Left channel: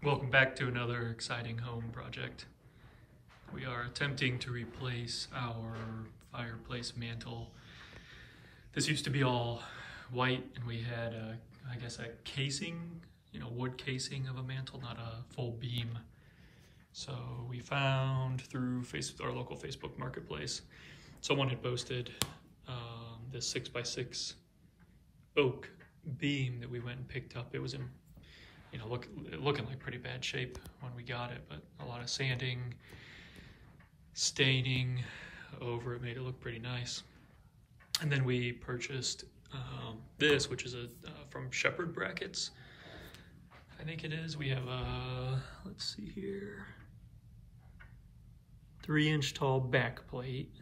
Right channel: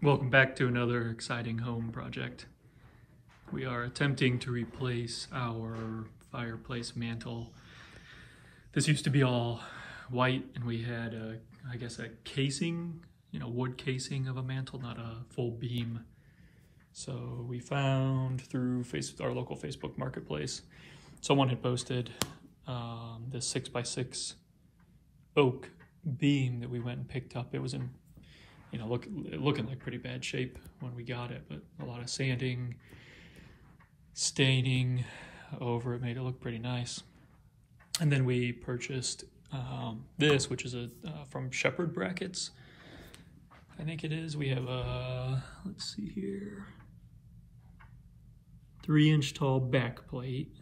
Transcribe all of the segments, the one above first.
Welcome back to another exciting home project. We are attempting to replace our fireplace mantle. This used to be all white and we had a casing, wood casing of a mantle, not a full beam. So we found through our local Facebook marketplace, someone had posted this 6x6 oak beam that we went and picked up. It was in looking like pretty bad shape when we got it, but a lot of sanding, staining over it made it look pretty nice. And then we purchased this, which is from Sheppard Brackets, I think it is. We have a, let's see here, 3-inch tall back plate,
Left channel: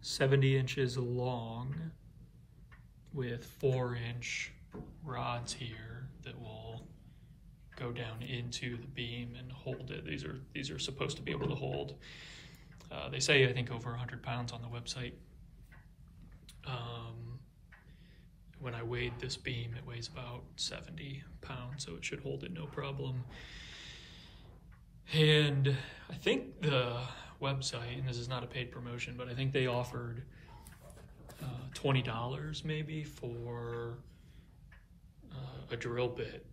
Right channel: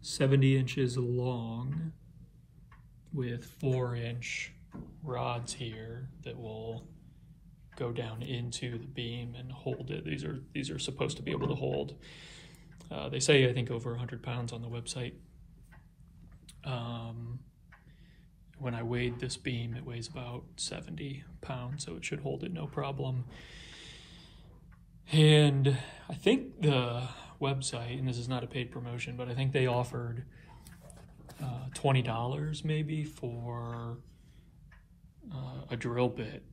70 inches long, with 4-inch rods here that will go down into the beam and hold it. These are supposed to be able to hold. They say, I think, over 100 pounds on the website. When I weighed this beam, it weighs about 70 pounds, so it should hold it no problem. And I think the website, and this is not a paid promotion, but I think they offered $20 maybe for a drill bit.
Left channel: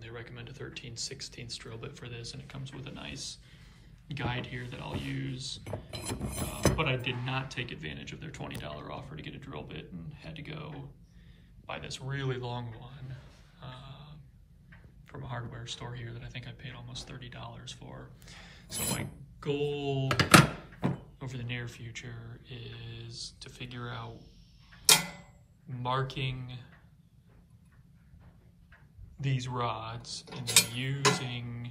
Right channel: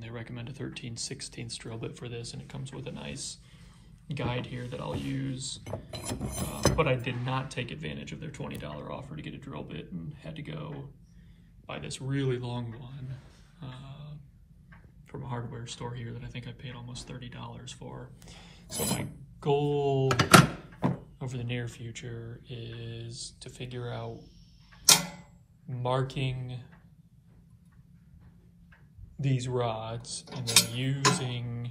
They recommend a 13/16 drill bit for this, and it comes with a nice guide here that I'll use. But I did not take advantage of their $20 offer to get a drill bit and had to go buy this really long one from a hardware store here that I think I paid almost $30 for. So my goal over the near future is to figure out marking these rods and then using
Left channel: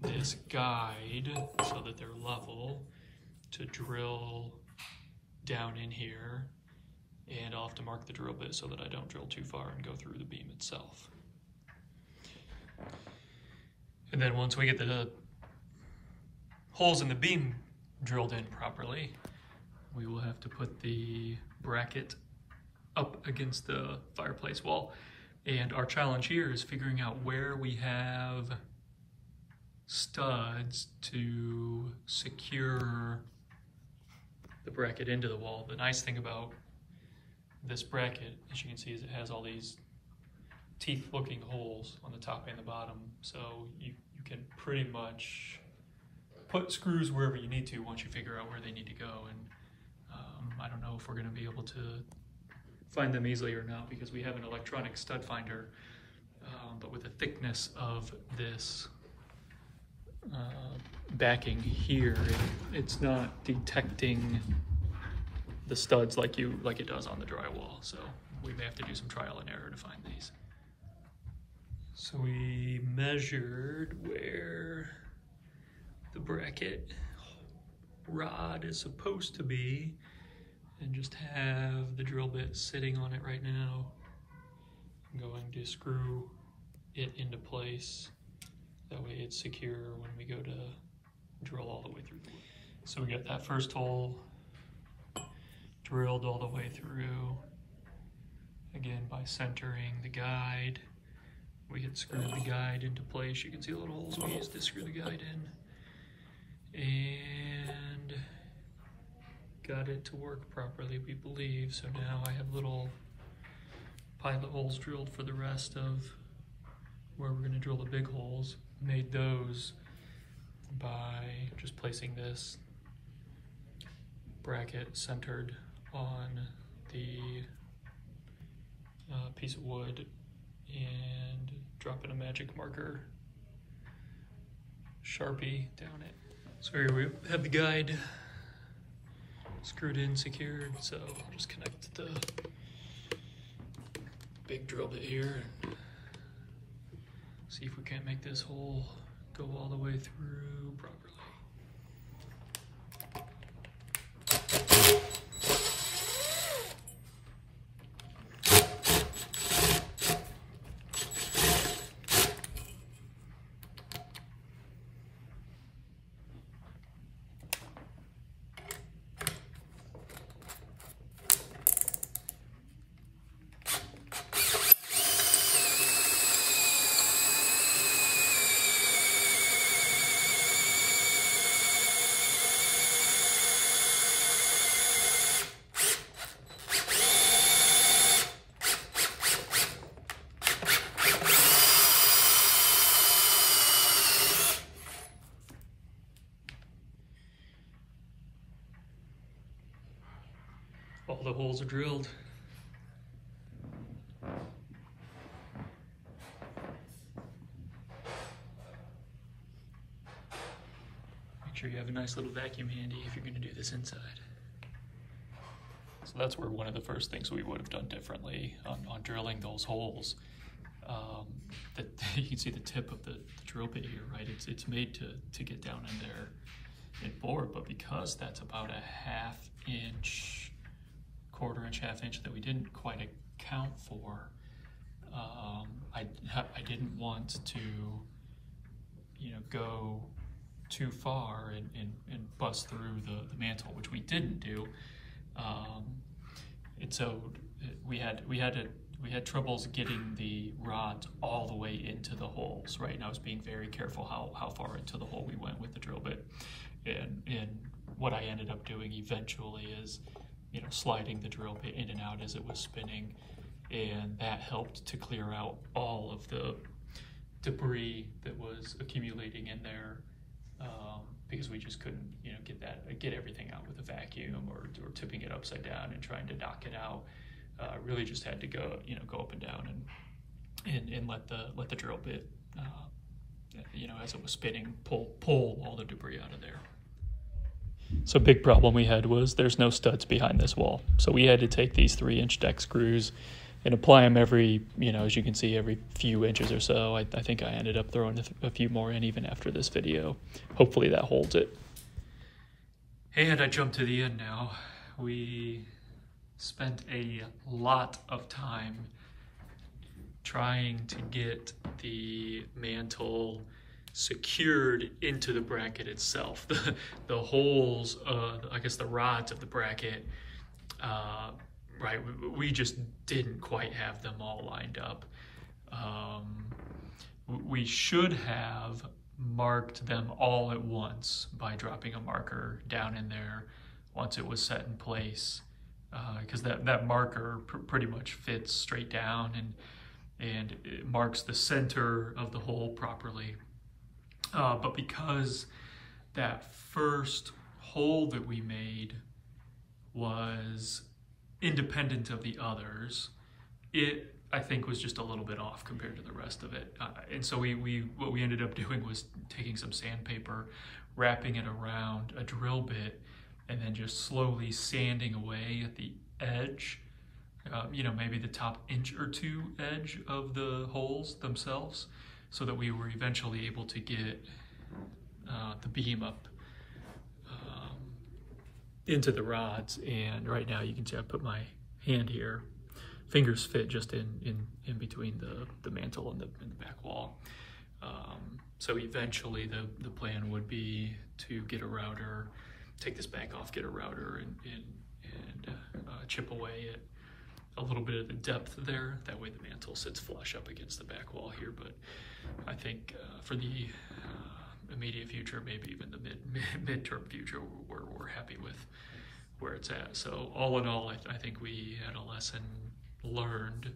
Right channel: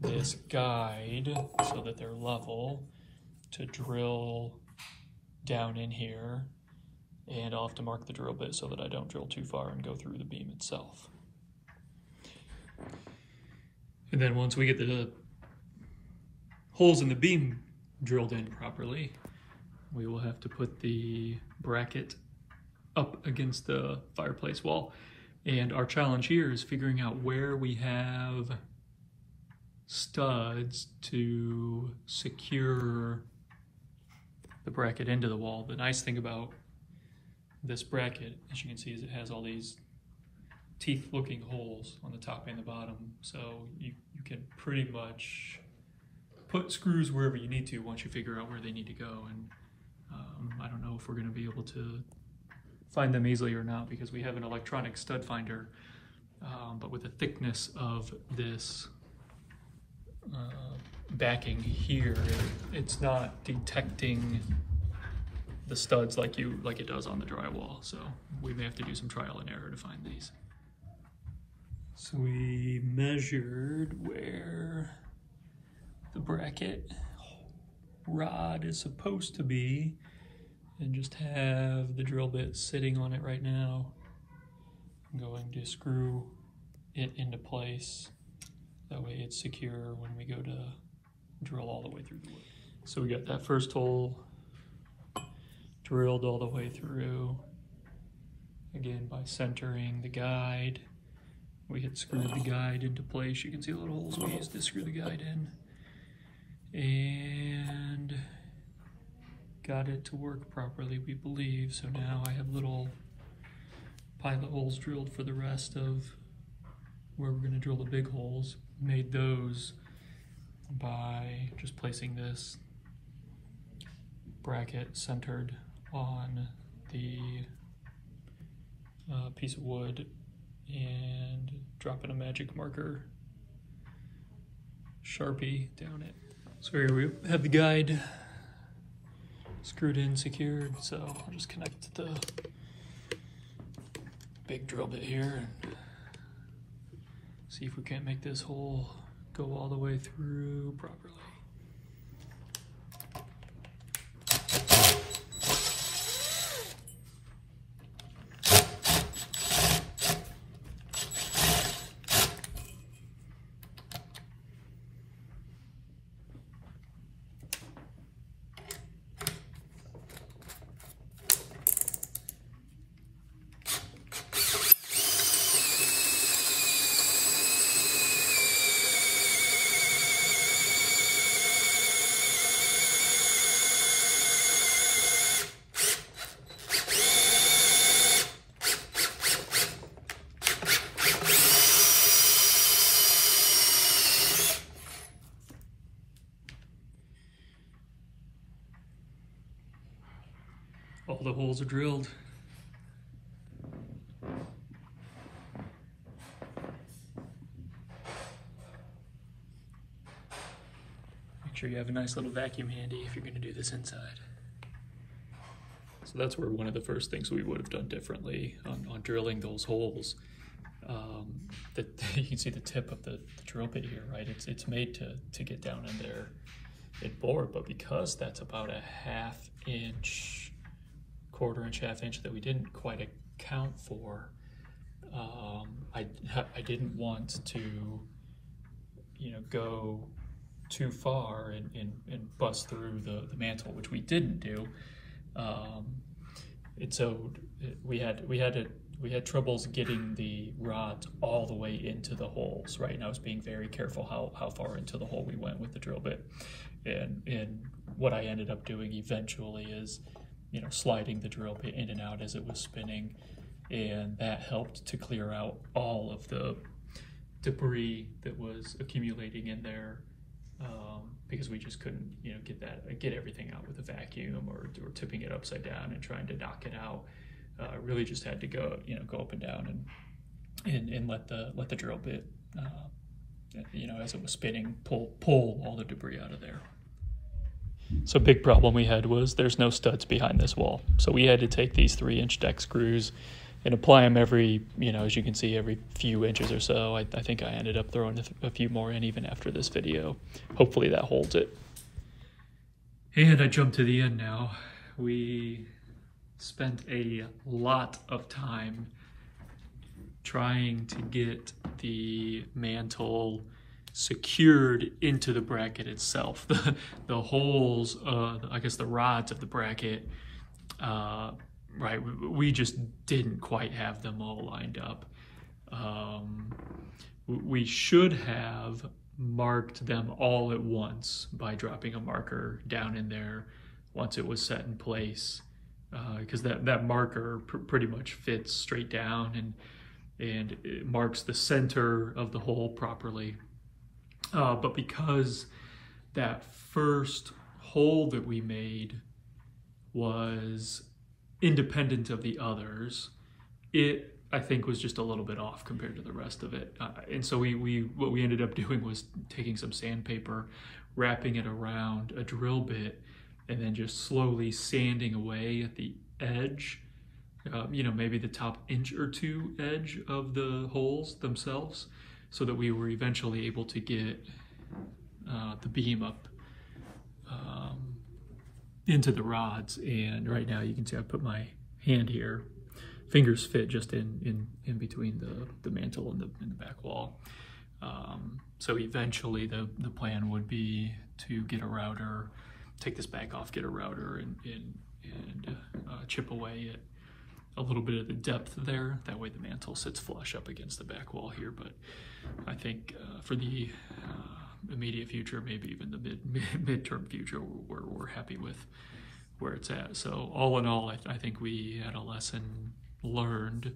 this guide so that they're level to drill down in here, and I'll have to mark the drill bit so that I don't drill too far and go through the beam itself. And then once we get the holes in the beam drilled in properly, we will have to put the bracket up against the fireplace wall. And our challenge here is figuring out where we have studs to secure the bracket into the wall. The nice thing about this bracket, as you can see, is it has all these teeth-looking holes on the top and the bottom. So you can pretty much put screws wherever you need to once you figure out where they need to go. And I don't know if we're going to be able to find them easily or not, because we have an electronic stud finder, but with the thickness of this backing here, it's not detecting the studs like it does on the drywall. So we may have to do some trial and error to find these. So we measured where the bracket rod is supposed to be, and just have the drill bit sitting on it right now. I'm going to screw it into place. That way it's secure when we go to drill all the way through the wood. So we got that first hole drilled all the way through. Again, by centering the guide, we had screwed the guide into place. You can see the little holes we used to screw the guide in. And got it to work properly, we believe. So now I have little pilot holes drilled for the rest of where we're going to drill the big holes. Made those by just placing this bracket centered on the piece of wood and dropping a magic marker Sharpie down it. So here we have the guide screwed in, secured, so I'll just connect the big drill bit here and see if we can't make this hole go all the way through properly. the holes are drilled. Make sure you have a nice little vacuum handy if you're going to do this inside. So that's where one of the first things we would have done differently on drilling those holes. You can see the tip of the drill bit here, right? It's made to get down in there and bore, but because that's about a ½ inch, quarter-inch, ½ inch that we didn't quite account for, I didn't want to, go too far and bust through the mantle, which we didn't do. And so we had troubles getting the rods all the way into the holes, right? And I was being very careful how far into the hole we went with the drill bit. And what I ended up doing eventually is, sliding the drill bit in and out as it was spinning, and that helped to clear out all of the debris that was accumulating in there, because we just couldn't, get everything out with a vacuum or tipping it upside down and trying to knock it out. Really just had to go, go up and down and let the drill bit, as it was spinning, pull all the debris out of there. So big problem we had was there's no studs behind this wall. So we had to take these 3-inch deck screws and apply them every, as you can see, every few inches or so. I think I ended up throwing a few more in even after this video. Hopefully that holds it. And I jump to the end now. We spent a lot of time trying to get the mantle secured into the bracket itself. The holes, I guess the rods of the bracket, right, we just didn't quite have them all lined up. We should have marked them all at once by dropping a marker down in there once it was set in place, because that marker pretty much fits straight down and it marks the center of the hole properly. But because that first hole that we made was independent of the others, it, I think, was just a little bit off compared to the rest of it. And so what we ended up doing was taking some sandpaper, wrapping it around a drill bit, and then just slowly sanding away at the edge, maybe the top inch or two edge of the holes themselves, so that we were eventually able to get the beam up into the rods. And right now you can see I put my hand here. Fingers fit just in between the mantle and the back wall. So eventually the plan would be to get a router, take this back off, get a router and chip away at a little bit of the depth there. That way the mantle sits flush up against the back wall here. But I think for the immediate future, maybe even the midterm future, we're happy with where it's at. So all in all, I think we had a lesson learned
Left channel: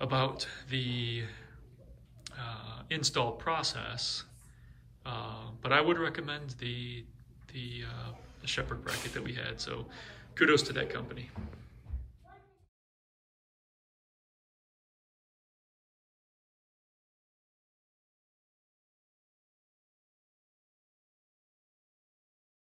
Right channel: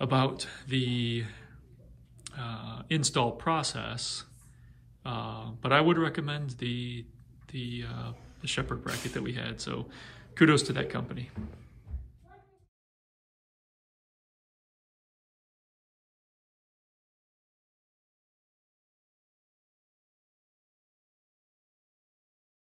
about the install process, but I would recommend the Sheppard bracket that we had. So kudos to that company.